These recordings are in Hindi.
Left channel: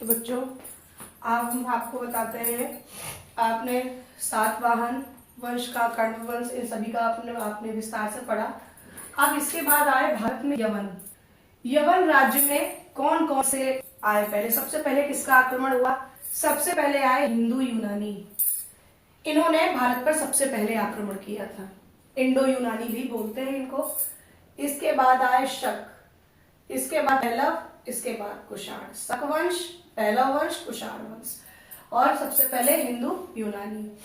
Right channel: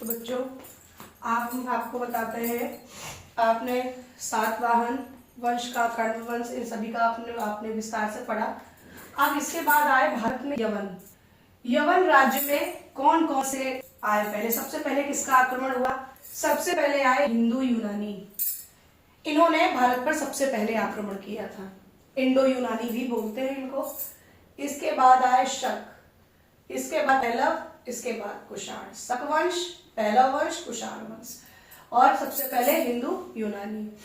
तो बच्चों आप हम आपको बताते हैं, आपने सातवाहन वंश का, कण्व वंश, इन सभी का आपने विस्तार से पढ़ा। अब इसके बाद आए भारत में यवन। यवन राज्य में कौन कौन से आए? पहले सबसे पहले किसका आक्रमण हुआ? सबसे पहले आए हिंदू यूनानी। इन्होंने भारत पर सबसे पहले आक्रमण किया था। इंडो यूनानी भी बोलते हैं इनको। इसके बाद आए शक, इसके बाद पहलव, इसके बाद कुषाण। शक वंश, पहलव वंश, कुषाण वंश, और सबसे पहले हिंदू यूनानी,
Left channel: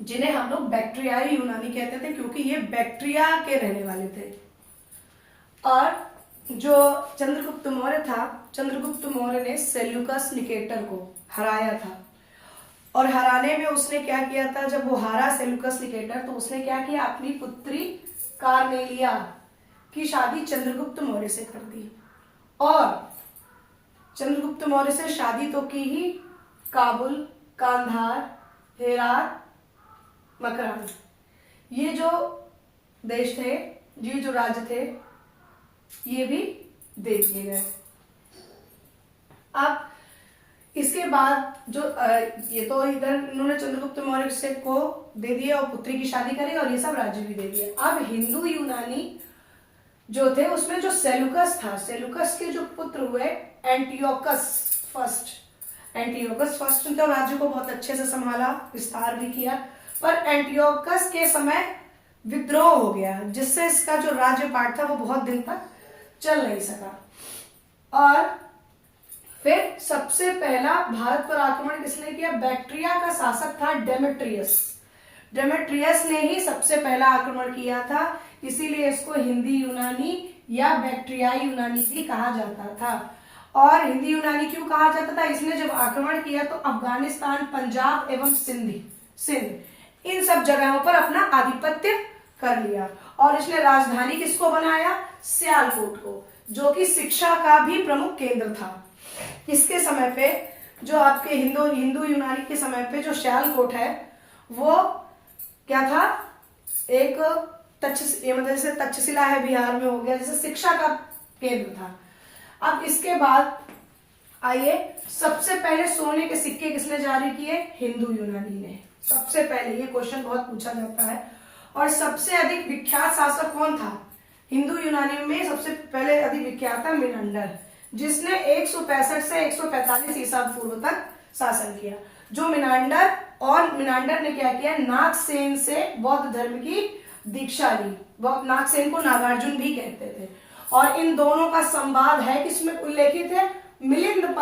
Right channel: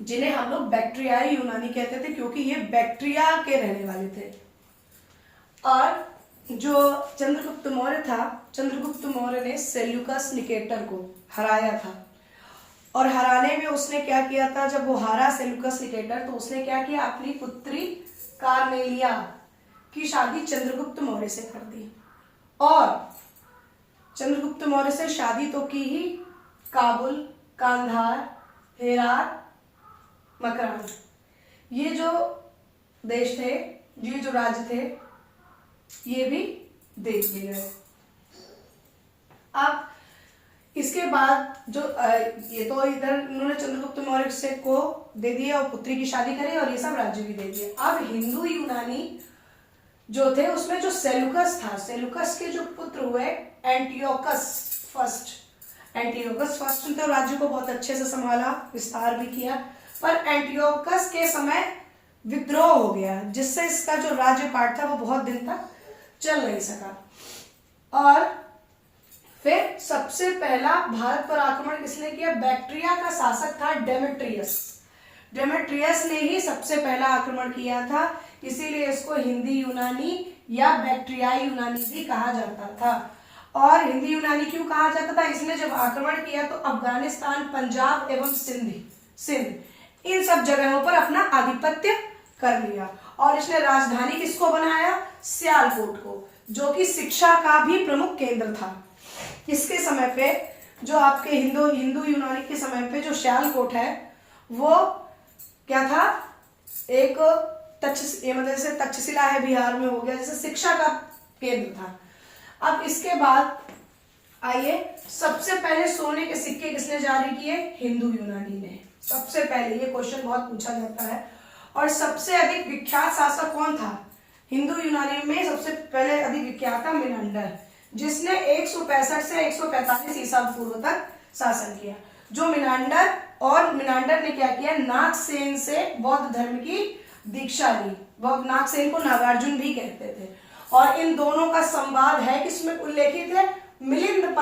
जिन्हें हम लोग बैक्ट्रियाई यूनानी कहते थे क्योंकि ये बैक्ट्रिया के रहने वाले थे। और जो चंद्रगुप्त मौर्य था, चंद्रगुप्त मौर्य ने सेल्यूकस निकेटर को हराया था। और हराने में उसने क्या किया था? जब वो हारा सेल्यूकस निकेटर, तो उसने क्या किया? अपनी पुत्री कार्नेलिया की शादी चंद्रगुप्त मौर्य से कर दी। और चंद्रगुप्त मौर्य से शादी तो की ही, काबुल, कांधार, हेरात, मकरान, ये जो देश थे, ये जो राज्य थे, ये भी दे दिए गए। अब इसके बाद जो ये तो इधर इन्होंने चंद्रगुप्त मौर्य से को दे दिया और पुत्री की शादी करी और ये सब राज्य भी दे दिए। अब हिंदू यूनानी जो थे उसमें जो सेल्यूकस था, सेल्यूकस के जो पुत्र हुए एंटियोकस फर्स्ट। एंटियोकस फर्स्ट ने तो राज्य को बहुत अच्छे से संभाला, विस्तार भी किया, पर एंटियोकस के समय विद्रोह हो गया, जिससे इसका जो राज्यपाट था वो बहुत दिन तक चल नहीं सका। और फिर सबसे पहला भारत पर आक्रमण किसने किया? बैक्ट्रिया का शासक था डेमेट्रियस। डेमेट्रियस ने ही सबसे पहला आक्रमण किया था, इसीलिए इसको हिंदी यूनानी या बैक्ट्रियाई यूनानी भी कहा जाता था। और हिंदी यूनानी क्यों कहा जाता था? इसने जब आक्रमण किया तो अफगानिस्तान, पंजाब एवं सिंध इन सब जगहों पर अपना आधिपत्य कर लिया। और इसने राजधानी किसको बनाया? सियालकोट को, जो कि शिक्षा का भी प्रमुख केंद्र था। इसके समय पे जो आपके हिंदू यूनानी के समय पे जो सियालकोट है वो क्या था? एक मतलब जैसे तक्षशिला है बिहार में हो गया, जैसे शिक्षा का केंद्र था। अब इसके बाद आइए, सबसे पहले सोने के सिक्के किसने जारी किए? हिंदू यूनानी ने सबसे पहले। ये क्वेश्चन बहुत पूछा जाता है। और सबसे अधिक विख्यात शासक कौन था? हिंदू यूनानी में सबसे पहले अधिक विख्यात था मिनांडर, जिसने 165 से 145 ईसा पूर्व तक शासन किया। जो मिनांडर ने क्या किया? नागसेन से बौद्ध धर्म की दीक्षा ली। नागसेन को नागार्जुन भी कहते थे। और इन दोनों का संवाद है किसमें उल्लेखित है? मिलिंद